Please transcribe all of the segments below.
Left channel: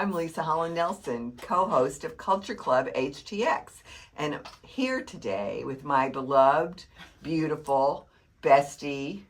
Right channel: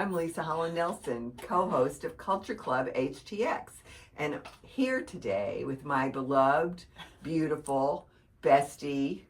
I'm Leisa Holland-Nelson, co-host of Culture Club HTX, and here today with my beloved, beautiful bestie,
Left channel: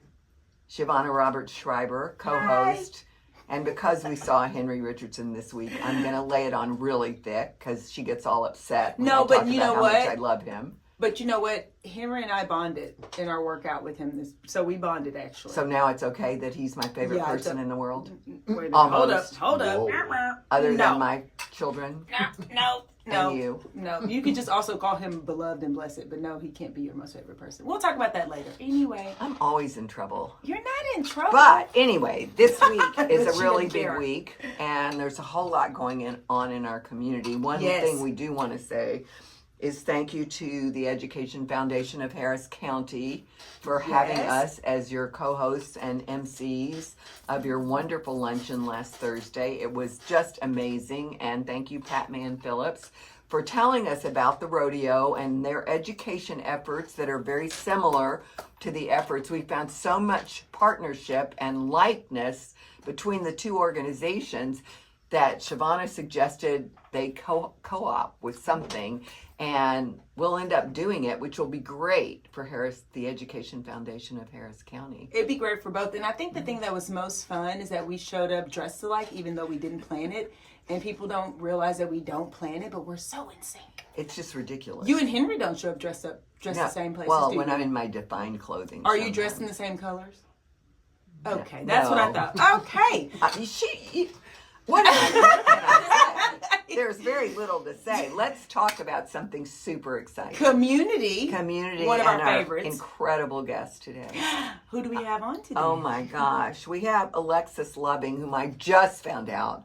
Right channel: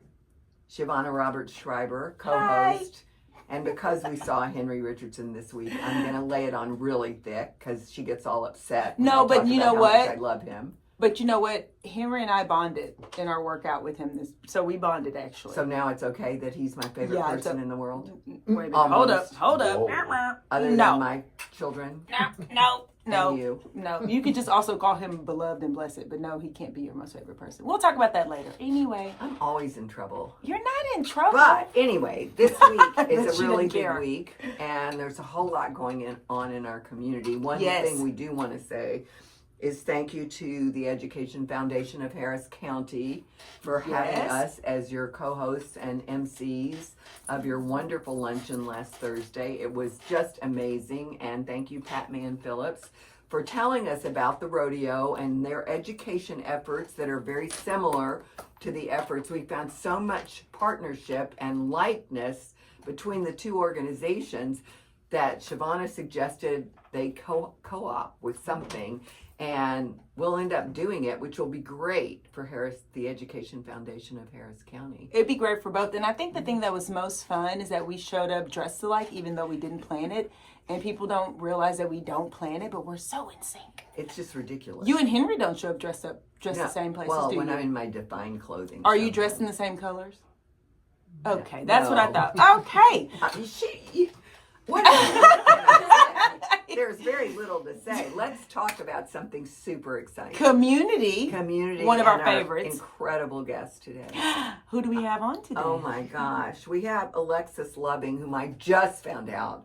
Shavonnah Schreiber, co-host. Hi. And because we saw Henry Richardson this week, I'm going to lay it on really thick because she gets all upset. No, but you know what? I love him. But you know what? Henry and I bonded in our workout with him. So we bonded, actually. So now it's okay that he's my favorite person in the world? Wait a minute. Hold up. Other than my children? No. And you? No. You could just also call him beloved and blessed, but no, he can't be your most favorite person. We'll talk about that later. Anyway. I'm always in trouble. You're not in trouble. But anyway, this week is a really big week, and there's a whole lot going on in our community. One thing we do want to say is thank you to the Education Foundation of Harris County for having us as your co-hosts and MCs of your wonderful luncheon last Thursday. It was just amazing, and thank you, Pat Mann-Phillips, for telling us about the rodeo and their education efforts that are very similar to the efforts. We found so much partnership and likeness between the two organizations that Shavonnah suggested they co-op with something, and we'll end up doing it, which will be great for the Education Foundation of Harris County. It'd be great for both. And I think the thing that was most fun is that we showed up dressed alike, even though we didn't plan it. And people don't realize that we don't plan it, but we're so in sync. It's just ridiculous. You and Henry don't show up dressed the same places, well, do you? when I'm in my defined clothing. Are you dressed in the same colors? Okay, that's what I thought. Okay. There's very little to say. Let's talk about something super exciting. Community, one of our favorites. Incredible guest today. Who do we have on today? Oh my gosh, we have Alexis Loving, whom I just found out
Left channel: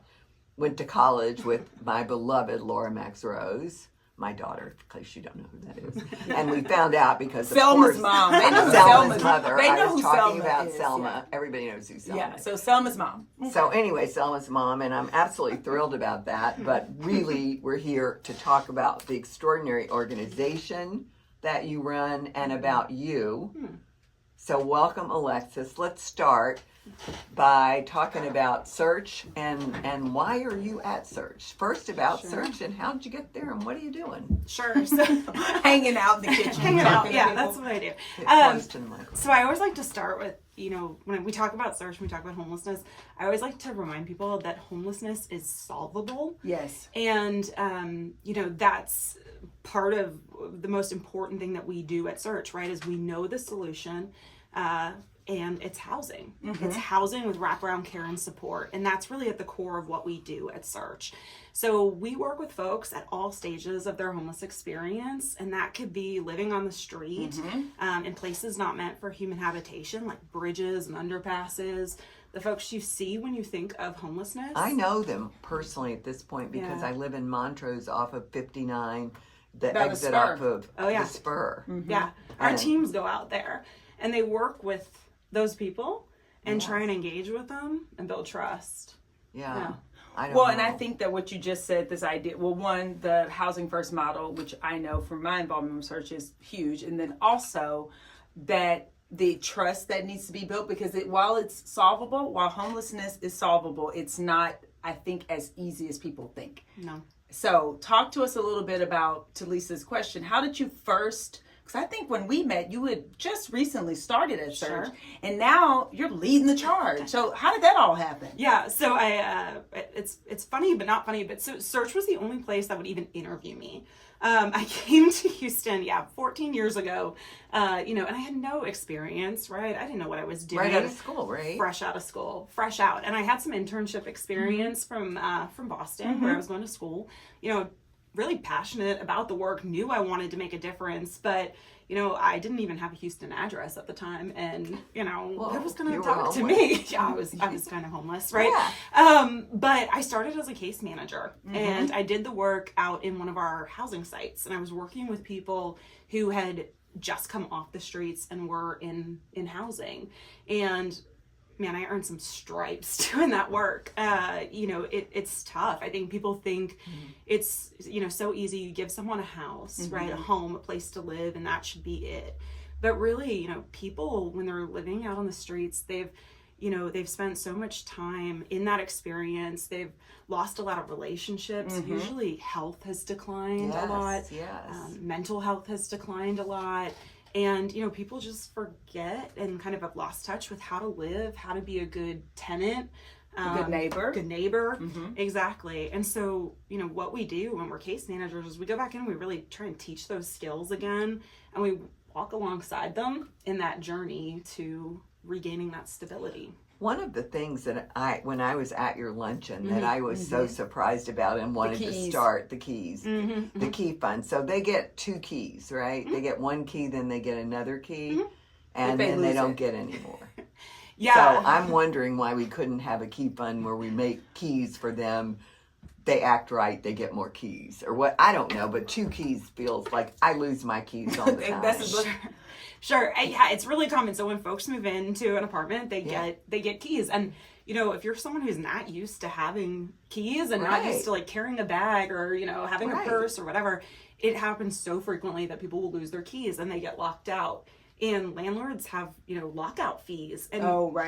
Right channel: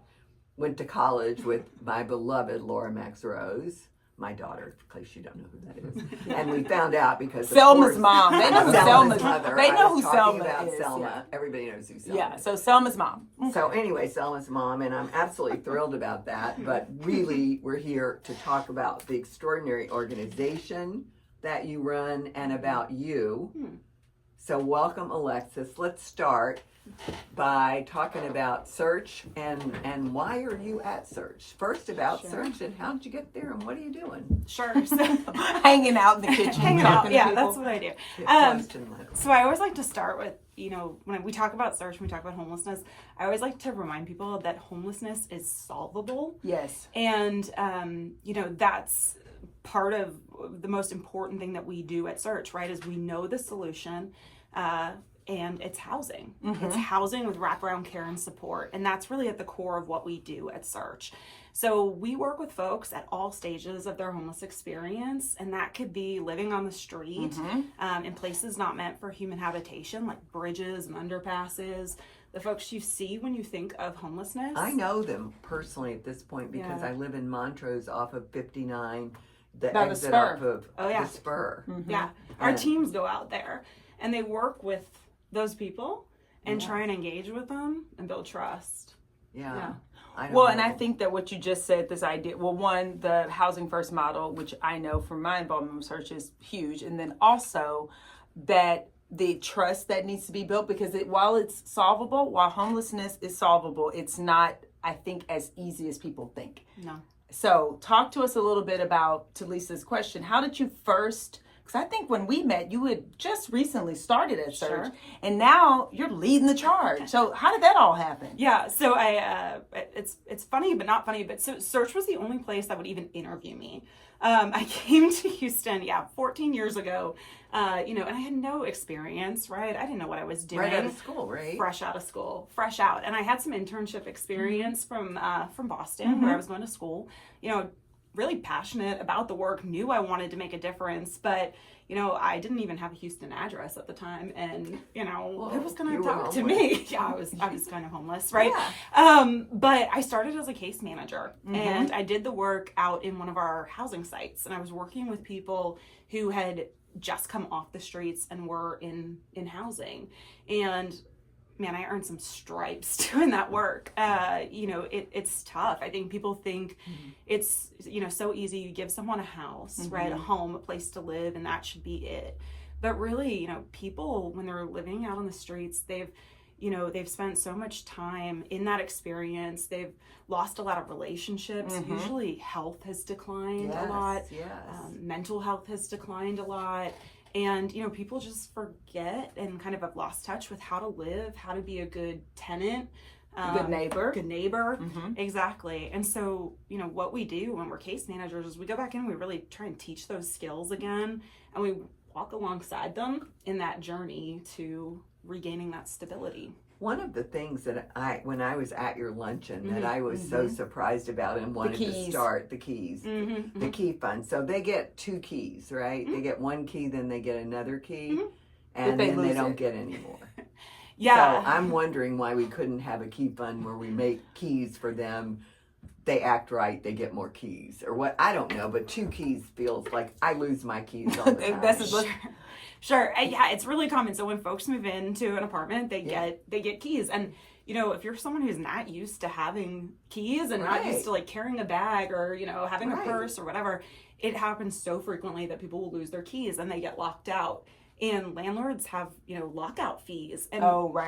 went to college with my beloved Laura Max Rose, my daughter, in case you don't know who that is. And we found out because of Selma's mom. They know Selma's mother. They know I was who talking Selma about is. Selma. Yeah. Everybody knows who Selma is. is. So Selma's mom. So anyway, Selma's mom, and I'm absolutely thrilled about that. But really, we're here to talk about the extraordinary organization that you run and about you. So welcome, Alexis. Let's start by talking about Search and why are you at Search? First about Search and how did you get there and what are you doing? Sure. So hanging out in the kitchen. Hanging out, yeah, that's what I do. So I always like to start with, when we talk about Search, when we talk about homelessness, I always like to remind people that homelessness is solvable. Yes. And, that's part of the most important thing that we do at Search, right, is we know the solution, and it's housing. It's housing with wraparound care and support. And that's really at the core of what we do at Search. So we work with folks at all stages of their homeless experience. And that could be living on the street in places not meant for human habitation, like bridges and underpasses. The folks you see when you think of homelessness. I know them personally at this point because I live in Montrose off of 59, the exit off of the spur. Yeah. Our teams go out there and they work with those people and try and engage with them and build trust. Yeah. And I think that what you just said, this idea, one, the housing first model, which I know from my involvement with Search is huge. And then also that the trust that needs to be built, because while it's solvable, while homelessness is solvable, it's not, I think, as easy as people think. No. So talk to us a little bit about, to Lisa's question, how did you first, because I think when we met, you had just recently started at Search, and now you're leading the charge. So how did that all happen? Yeah, so it's funny but not funny, but so Search was the only place that would even interview me. I came to Houston, 14 years ago, and I had no experience, right? I didn't know what I was doing. Right out of school, right? Fresh out of school, fresh out. And I had some internship experience from Boston, where I was going to school, really passionate about the work, knew I wanted to make a difference, but I didn't even have a Houston address at the time, and who was going to talk to me? I was kind of homeless, right? Yeah. But I started as a case manager, and I did the work out in one of our housing sites, and I was working with people who had just come off the streets and were in housing, and man, I earned some stripes doing that work. It's tough. I think people think it's, so easy. You give someone a house, right? A home, a place to live, and that should be it. But really, people, when they're living out on the streets, they've, you know, they've spent so much time in that experience. They've lost a lot of relationships. Usually health has declined a lot. Yes. Mental health has declined a lot. And, you know, people just forget and kind of have lost touch with how to live, how to be a good tenant. Good neighbor. Exactly. And so, you know, what we do when we're case managers is we go back in and we really try and teach those skills again, and we walk alongside them in that journey to regaining that stability. One of the things that when I was at your luncheon that I was so surprised about and wanted to start, the keys, the key fund. So they get 2 keys, right? They get 1 key, then they get another key, and then they don't get any more. Yeah. So I'm wondering why we couldn't have a key fund where we make keys for them. They act right, they get more keys, or what? I don't know, but 2 keys feels like I lose my keys all the time. Sure. Yeah, it's really common. So when folks move into an apartment, they get keys. And, you know, if you're someone who's not used to having keys and not used to like carrying a bag or, you know, having a purse or whatever, it happens so frequently that people will lose their keys and they get locked out. And landlords have, you know, lockout fees. And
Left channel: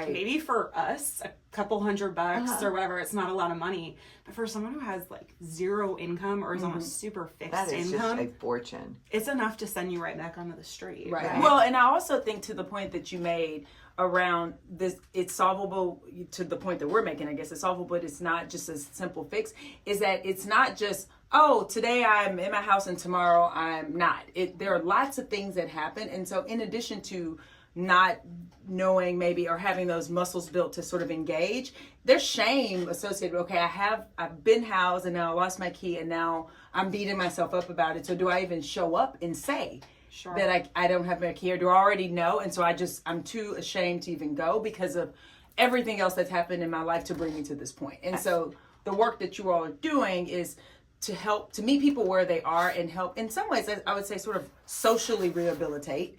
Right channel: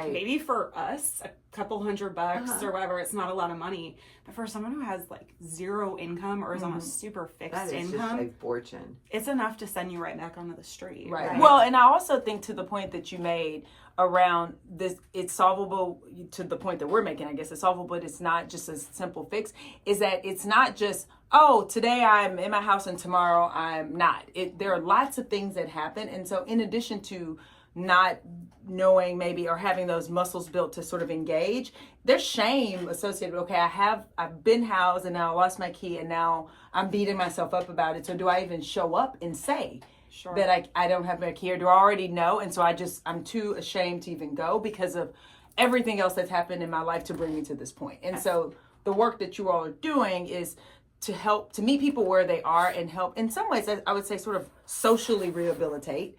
maybe for us, a couple $100 or whatever, it's not a lot of money. But for someone who has like 0 income or is on a super fixed income, just a fortune. It's enough to send you right back onto the street. Right. Well, and I also think to the point that you made around this, it's solvable to the point that we're making, I guess it's solvable, but it's not just a simple fix, is that it's not just, oh, today I'm in my house and tomorrow I'm not. There are lots of things that happen. And so in addition to not knowing maybe or having those muscles built to sort of engage, there's shame associated. Okay, I've been housed and now I lost my key and now I'm beating myself up about it. So do I even show up and say that I don't have my key, or do I already know? And so I'm too ashamed to even go because of everything else that's happened in my life to bring me to this point. And so the work that you all are doing is to help to meet people where they are and help in some ways, I would say, sort of socially rehabilitate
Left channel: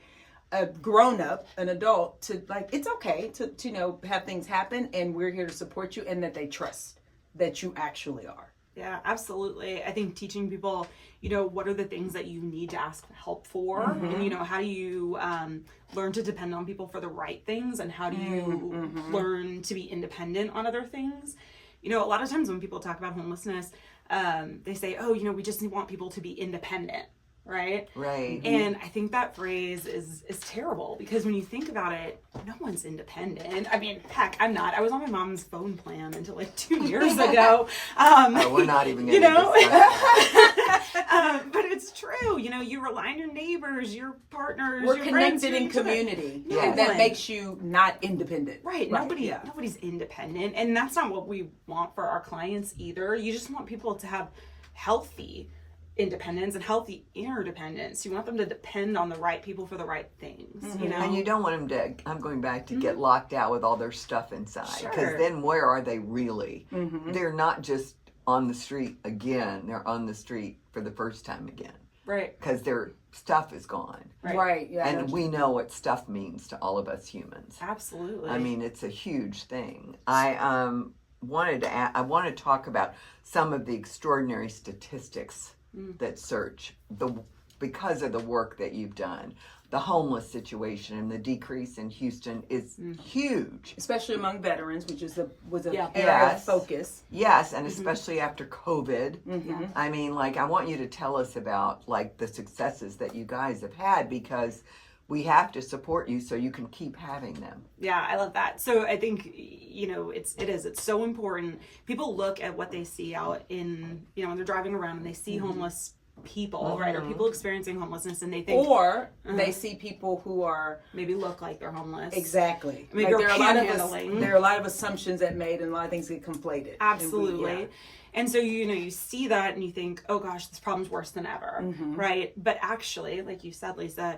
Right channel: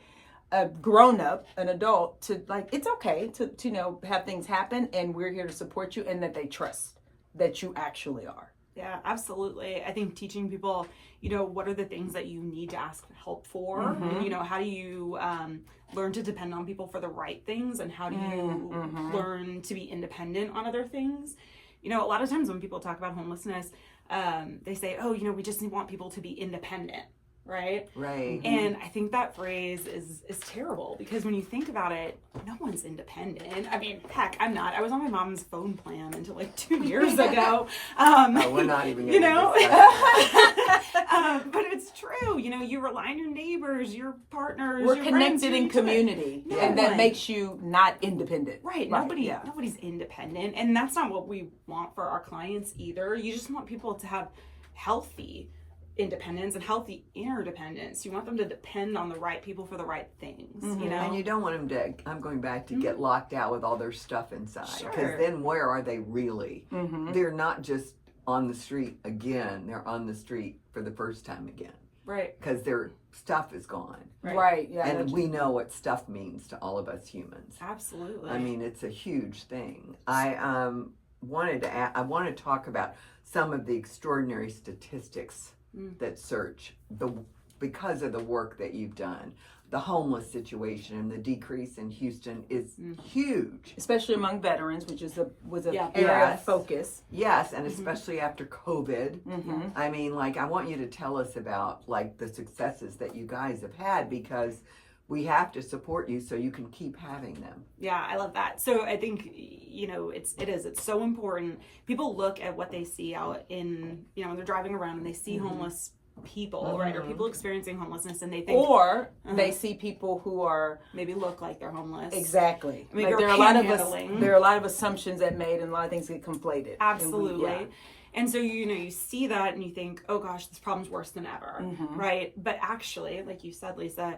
a grown-up, an adult, to like, it's okay to you know, have things happen and we're here to support you, and that they trust that you actually are. Yeah, absolutely. I think teaching people, you know, what are the things that you need to ask help for, and, you know, how do you learn to depend on people for the right things, and how do you learn to be independent on other things? You know, a lot of times when people talk about homelessness, they say, oh, you know, we just want people to be independent, right? Right. And I think that phrase is terrible, because when you think about it, no one's independent. I mean, heck, I'm not. I was on my mom's phone plan until like 2 years ago. We're not even gonna, you know, but it's true. You know, you rely on your neighbors, your partners, We're your connected friends, in community, and that makes you not independent. Right. Nobody's independent, and that's not what we want for our clients either. You just want people to have healthy independence and healthy interdependence. You want them to depend on the right people for the right things, you know? And you don't want them to, I'm going back to get locked out with all their stuff inside. Because then where are they really? They're not just on the street again. They're on the street for the first time again. Right. Because their stuff is gone. Right. Yeah. And we know what stuff means to all of us humans. Absolutely. I mean, it's a huge thing. I want to talk about some of the extraordinary statistics that search because of the work that you've done. The homeless situation and the decrease in Houston is huge, especially among veterans, which was an area of focus. Yes, and especially after COVID. I mean, like, I want you to tell us about like the successes that you guys have had, because we have to support you so you can keep having them. Yeah, I love that. So I think, you know, it's so important. People look at what they see out in, you know, when they're driving around and they see homeless people, right? Or people experiencing homelessness, and they think, or they see people who are maybe look like they're homeless. Exactly. Maybe like, there are a lot of assumptions that made, and a lot of things get conflated. Absolutely. And so, you know, you see that and you think, oh gosh, this problem's worse than ever, right? But actually, like you said, Leisa,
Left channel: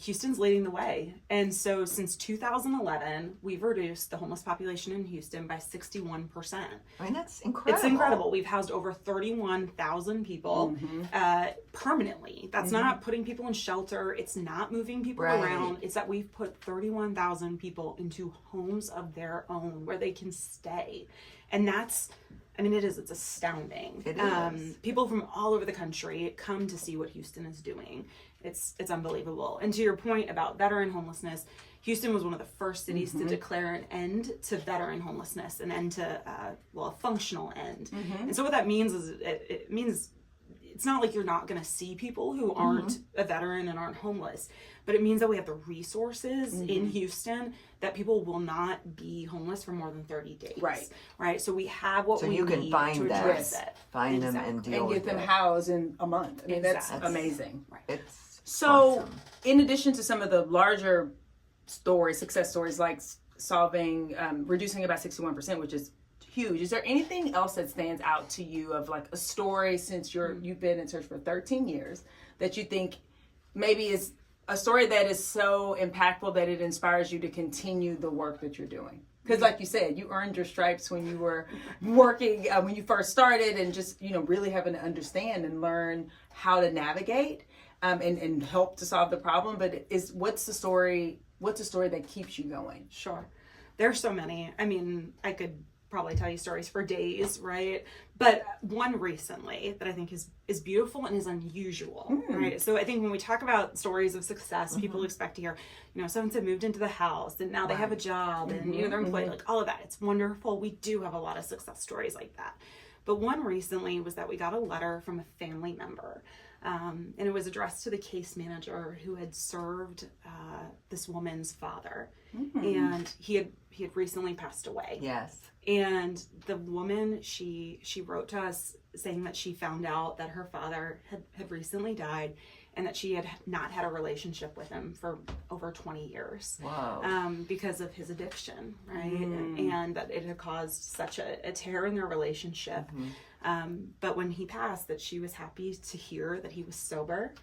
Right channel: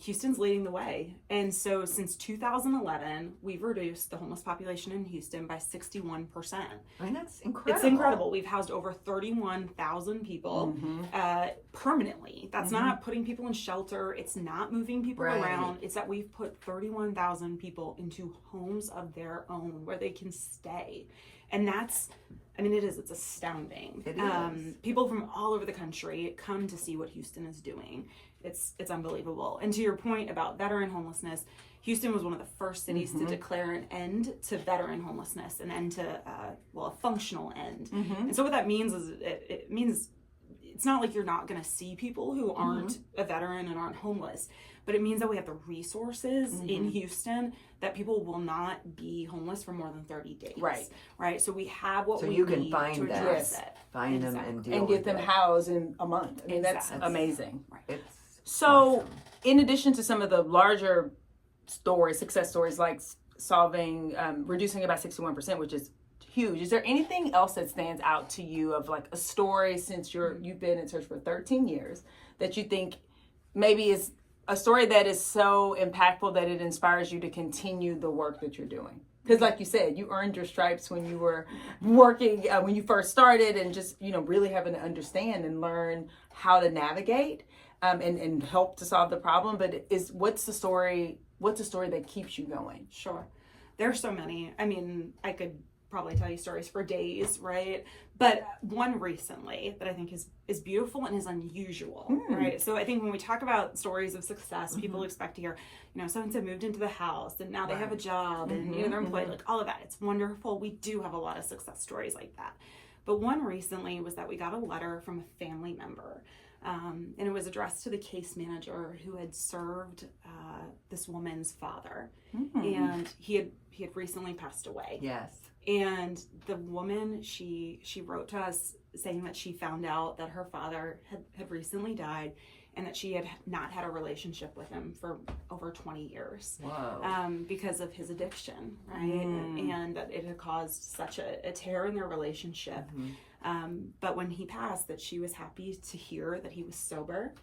Houston's leading the way. And so since 2011, we've reduced the homeless population in Houston by 61%. I mean, that's incredible. It's incredible. We've housed over 31,000 people permanently. That's not putting people in shelter. It's not moving people around. It's that we've put 31,000 people into homes of their own where they can stay. And that's, I mean, it's astounding. It is. People from all over the country come to see what Houston is doing. It's unbelievable. And to your point about veteran homelessness, Houston was one of the first cities to declare an end to veteran homelessness, an end to, a functional end. And so what that means is it means it's not like you're not going to see people who aren't a veteran and aren't homeless, but it means that we have the resources in Houston that people will not be homeless for more than 30 days. Right. So we have what we need to address it. Find them and deal and get them housed in a month. I mean, that's amazing. Right. It's so awesome. In addition to some of the larger stories, success stories like reducing about 61%, which is huge. Is there anything else that stands out to you of like a story since you've been in church for 13 years that you think maybe is a story that is so impactful that it inspires you to continue the work that you're doing? Because like you said, you earned your stripes when you were working, when you first started, and just, really having to understand and learn how to navigate and help to solve the problem. But what's the story that keeps you going? Sure. There's so many. I mean, I could probably tell you stories for days, right? But one recently that I think is beautiful and is unusual, right? So I think when we talk about stories of success, people expect to hear, so-and-so moved into the house and now they have a job and, they're employed, like all of that. It's wonderful. We do have a lot of success stories like that. But one recently was that we got a letter from a family member, and it was addressed to the case manager who had served this woman's father, and he had recently passed away. Yes. And the woman, she wrote to us saying that she found out that her father had recently died, and that she had not had a relationship with him for over 20 years. Wow. Because of his addiction, right? And that it had caused such a tear in their relationship. But when he passed, that she was happy to hear that he was sober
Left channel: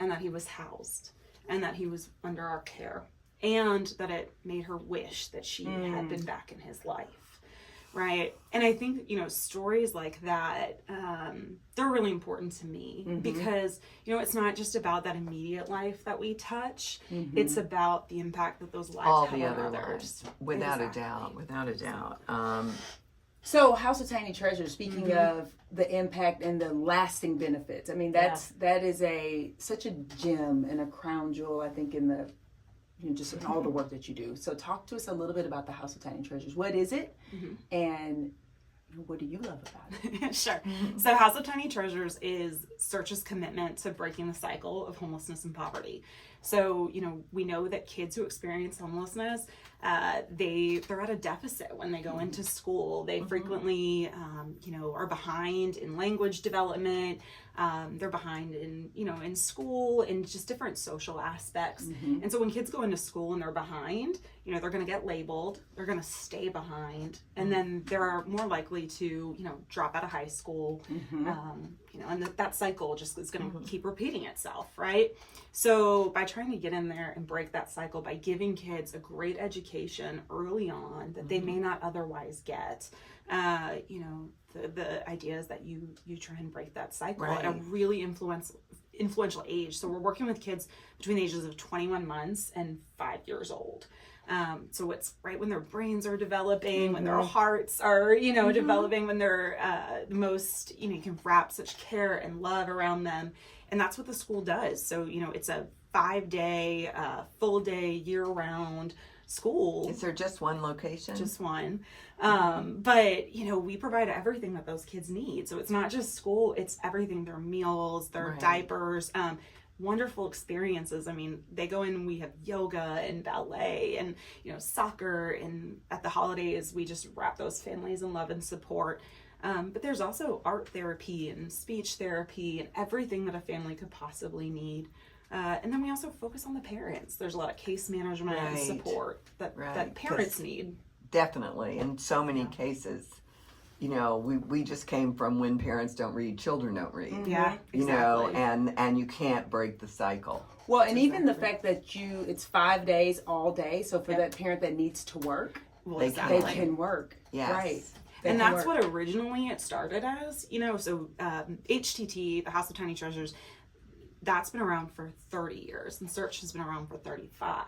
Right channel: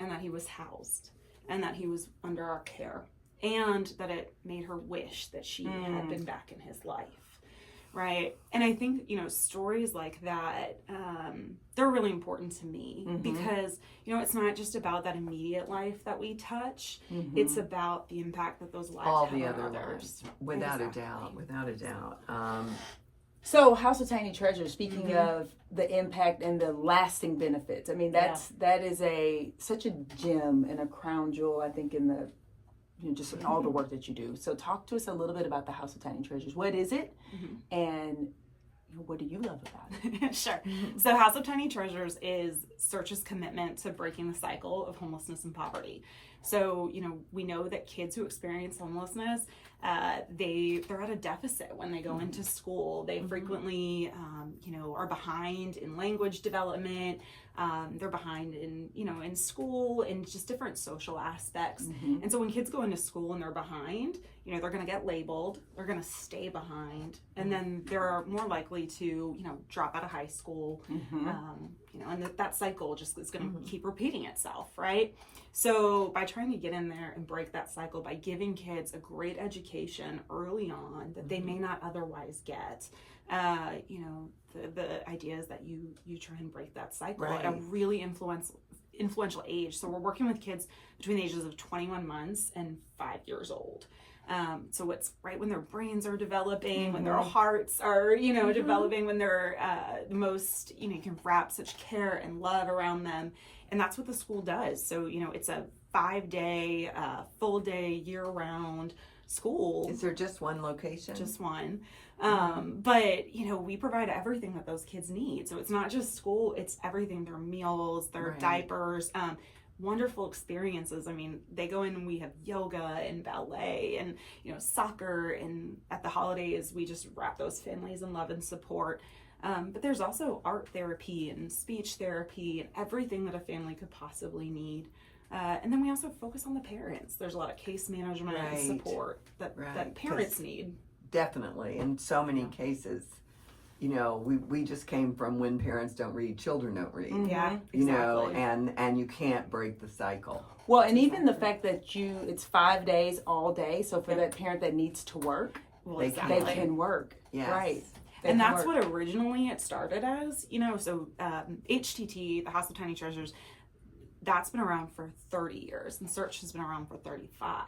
and that he was housed and that he was under our care, and that it made her wish that she had been back in his life. Right. And I think, stories like that, they're really important to me because, it's not just about that immediate life that we touch. It's about the impact that those lives have on others. Without a doubt. So House of Tiny Treasures, speaking of the impact and the lasting benefits, I mean, that is such a gem and a crown jewel, I think, in the just in all the work that you do. So talk to us a little bit about the House of Tiny Treasures. What is it? And what do you love about it? Sure. So House of Tiny Treasures is Search's commitment to breaking the cycle of homelessness and poverty. So, we know that kids who experience homelessness, they're at a deficit when they go into school. They frequently, are behind in language development. They're behind in school and just different social aspects. And so when kids go into school and they're behind, they're going to get labeled, they're going to stay behind, and then they're more likely to, drop out of high school, and that cycle just is going to keep repeating itself, right? So by trying to get in there and break that cycle, by giving kids a great education early on that they may not otherwise get, the idea is that you try and break that cycle at a really influential age. So we're working with kids between the ages of 21 months and 5 years old. So it's right when their brains are developing, when their hearts are, developing, when they're the most, you can wrap such care and love around them. And that's what the school does. So, it's a 5-day, full day, year-round school. Is there just one location? Just one. But, we provide everything that those kids need. So it's not just school, it's everything, their meals, their diapers, wonderful experiences. I mean, they go in and we have yoga and ballet and, soccer, and at the holidays, we just wrap those families in love and support. But there's also art therapy and speech therapy and everything that a family could possibly need. And then we also focus on the parents. There's a lot of case management and support that parents need. Definitely. In so many cases, we just came from when parents don't read, children don't read. Yeah, exactly. And you can't break the cycle. Well, and even the fact that it's 5 days all day. So for that parent that needs to work, they can work. Yes. Right. And that's what originally it started as, so HTT, the House of Tiny Treasures, that's been around for 30 years, and Search has been around for 35.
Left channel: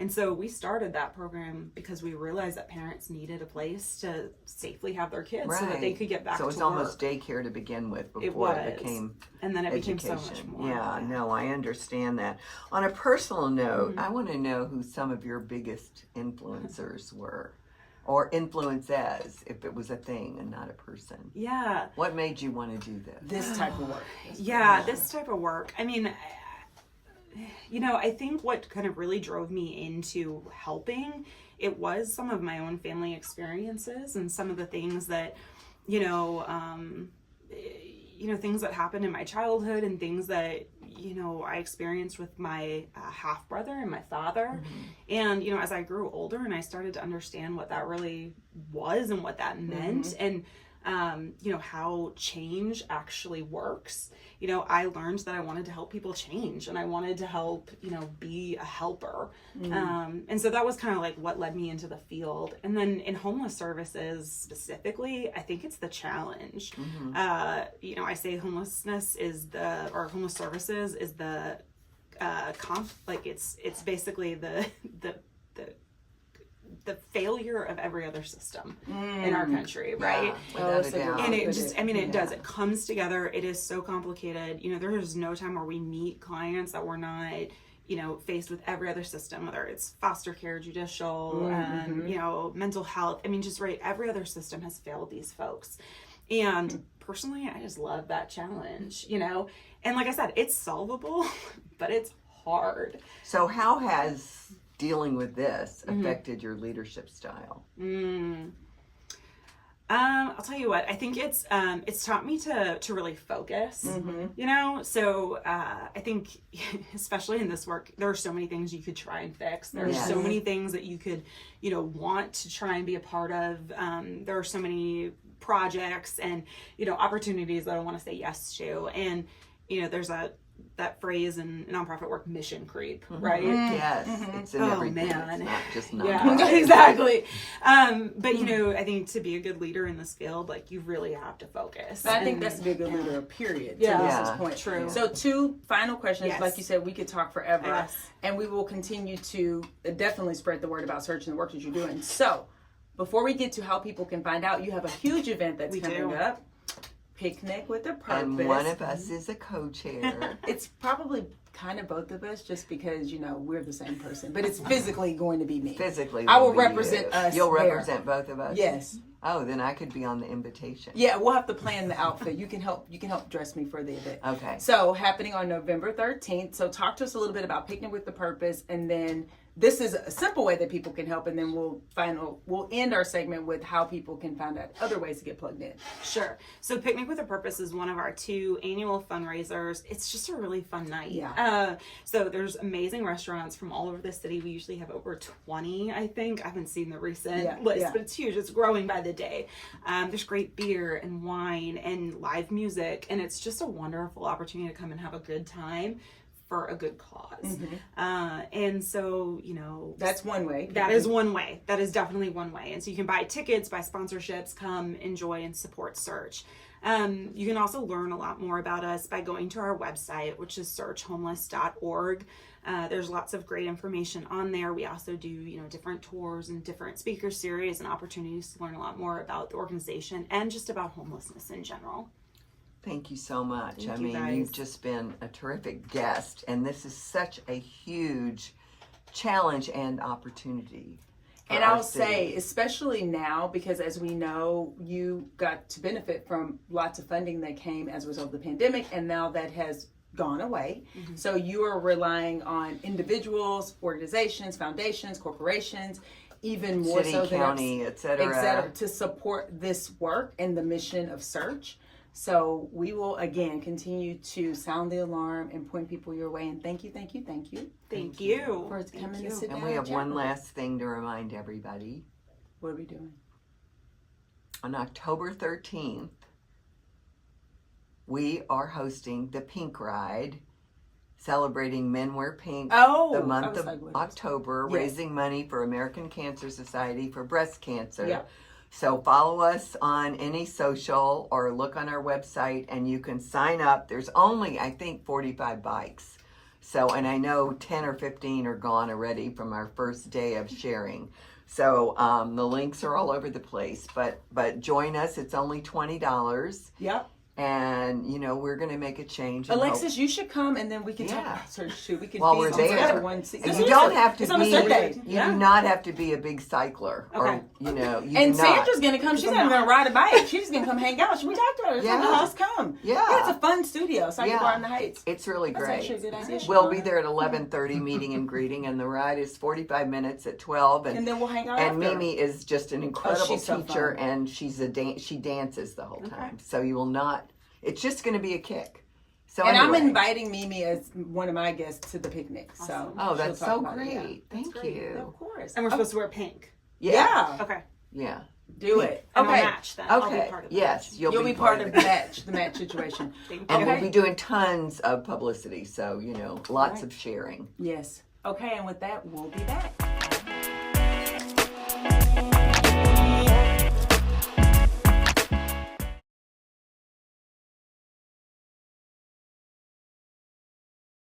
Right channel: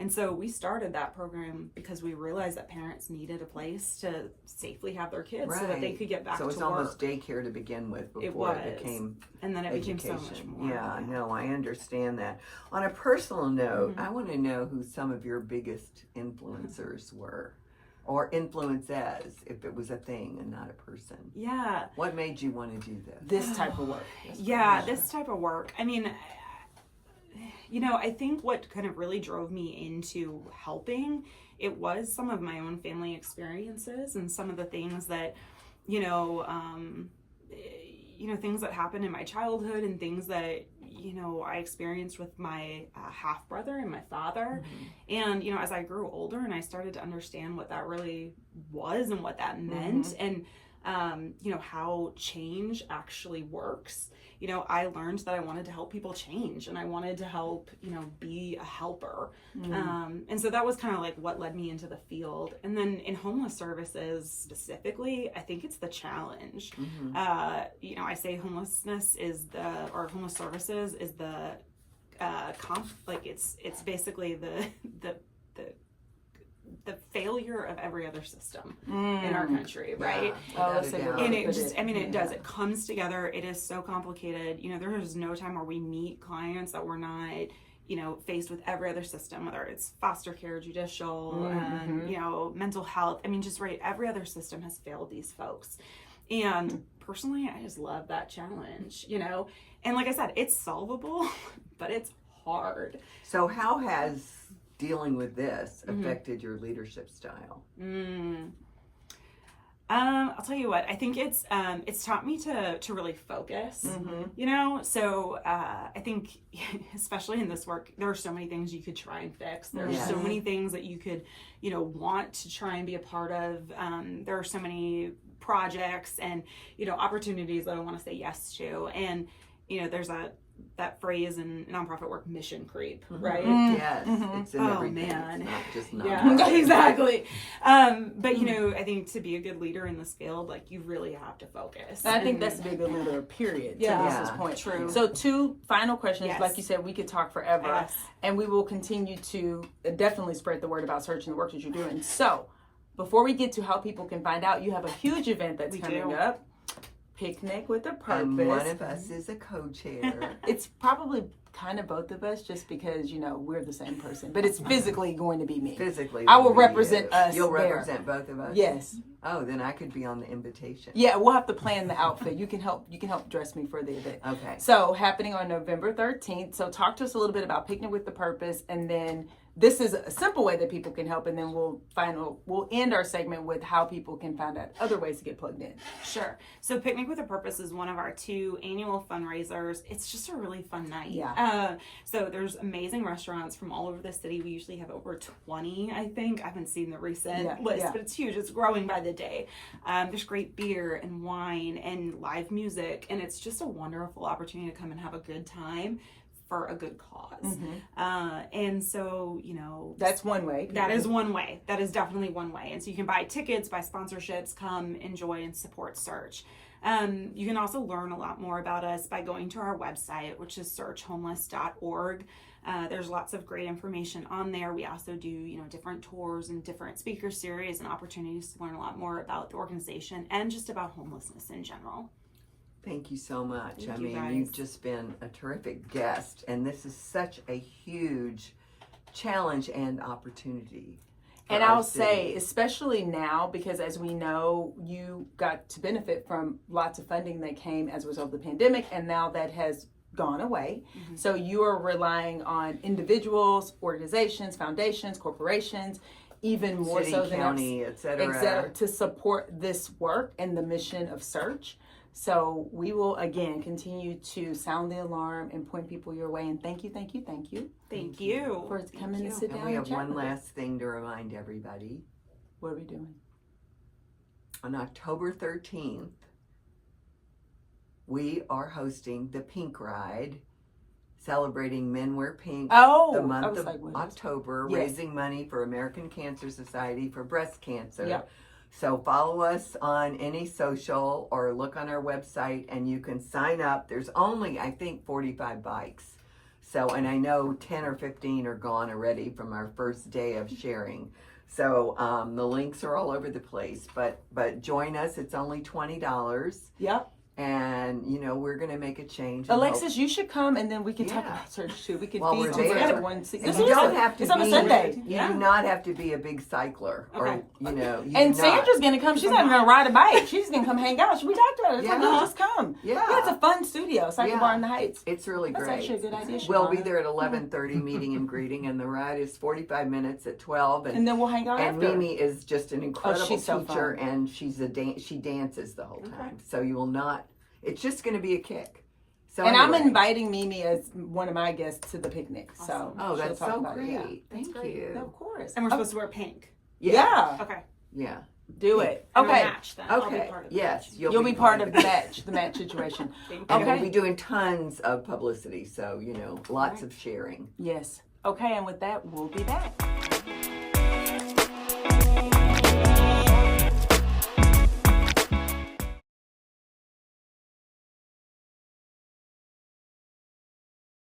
And so we started that program because we realized that parents needed a place to safely have their kids so that they could get back to work. So it's almost daycare to begin with before it became and then it education. became so much more. Yeah, no, I understand that. On a personal note, I want to know who some of your biggest influencers were. Or influences, if it was a thing and not a person. Yeah. What made you want to do this? This type of work. This type of work. I mean, you know, I think what kind of really drove me into helping, it was some of my own family experiences and some of the things that, things that happened in my childhood and things that, I experienced with my half brother and my father. And, as I grew older and I started to understand what that really was and what that meant and, how change actually works, I learned that I wanted to help people change and I wanted to help, be a helper. And so that was kind of like what led me into the field. And then in homeless services specifically, I think it's the challenge. I say homeless services is the it's basically the failure of every other system in our country, right? And it just, it does. It comes together. It is so complicated. There is no time where we meet clients that we're not, faced with every other system, whether it's foster care, judicial, mental health. Every other system has failed these folks. And personally, I just love that challenge, And like I said, it's solvable, but it's hard. So how has dealing with this affected your leadership style? I'll tell you what, I think it's taught me to really focus, so I think especially in this work, there are so many things you could try and fix. There are so many things that you could, want to try and be a part of. There are so many projects and, opportunities that I want to say yes to. And, there's that phrase in nonprofit work, mission creep, right? Yes, it's in everything. Man. It's not just yeah, exactly. But I think to be a good leader in this field, like you really have to focus. I think that's to be a good leader, period. Yeah, to this point. True. So 2 final questions. Like you said, we could talk forever, Yes. and we will continue to definitely spread the word about Search and the work that you're doing. So before we get to how people can find out, you have a huge event that's coming up. Picnic with a Purpose. And one of us is a co-chair. It's probably kind of both of us just because, we're the same person. But it's physically going to be me. Physically. I will represent us. You'll represent both of us? Yes. Oh, then I could be on the invitation. Yeah, we'll have to plan the outfit. You can help dress me for the event. Okay. So happening on November 13th. So talk to us a little bit about Picnic with the Purpose, and then this is a simple way that people can help, and then we'll end our segment with how people can find out other ways to get plugged in. Sure. So Picnic with a Purpose is one of our 2 annual fundraisers. It's just a really fun night. Yeah. So there's amazing restaurants from all over the city. We usually have over 20, I think. I haven't seen the recent list, but it's huge. It's growing by the day. There's great beer and wine and live music, and it's just a wonderful opportunity to come and have a good time for a good cause. And so, that's one way. That is one way. That is definitely one way. And so you can buy tickets, buy sponsorships, come enjoy and support Search. You can also learn a lot more about us by going to our website, which is searchhomeless.org. There's lots of great information on there. We also do, different tours and different speaker series and opportunities to learn a lot more about the organization and just about homelessness in general. Thank you so much. Thank you guys. You've just been a terrific guest, and this is such a huge challenge and opportunity. And I'll say, especially now, because as we know, you got to benefit from lots of funding that came as a result of the pandemic, and now that has gone away. So you are relying on individuals, organizations, foundations, corporations, even more City, so county, et cetera, to support this work and the mission of Search. So we will, again, continue to sound the alarm and point people your way. And thank you. Thank you. For coming to sit down and we have one with us. last thing to remind everybody. What are we doing? On October 13th, we are hosting the Pink Ride, celebrating Men Wear Pink the month of October, raising money for American Cancer Society for breast cancer. So follow us on any social or look on our website and you can sign up. There's only, I think, 45 bikes. So, and I know 10 or 15 are gone already from our first day of sharing. So the links are all over the place, but join us. It's only $20. Yep. And, you know, we're going to make a change. Alexis, you should come, and then we can talk about search too. We can While we're there. together. And you don't have to it's on a be, Sunday. you do not have to be a big cycler. Okay. Or, you know, you And do not. Sandra's going to come. She's not even going to ride a bike. She's going to come hang out. We talked about it. Yeah. Just come. Yeah. It's a fun studio. It's like Yeah. Bar in the Heights. It's really That's great. actually a good idea. We'll be there at 11:30, meeting and greeting, and the ride is 45 minutes at 12. And then we'll hang out And after. Mimi is just an incredible she's so teacher, fun. and she dances the whole time. So you will not. It's just going to be a kick. So and anyway. I'm inviting Mimi as one of my guests to the picnic. So Oh, that's she'll talk so about it. Yeah. great. That's Thank great. you. Of course. And we're supposed to wear pink. Yeah. Okay. Yeah. Do it. And we'll Okay. match then. I'll be Okay. part of the Yes, match. You'll be part of the match situation. Thank And you. we'll be doing tons of publicity, so you know, lots Right. of sharing. Yes. Okay, and with that, we'll be back.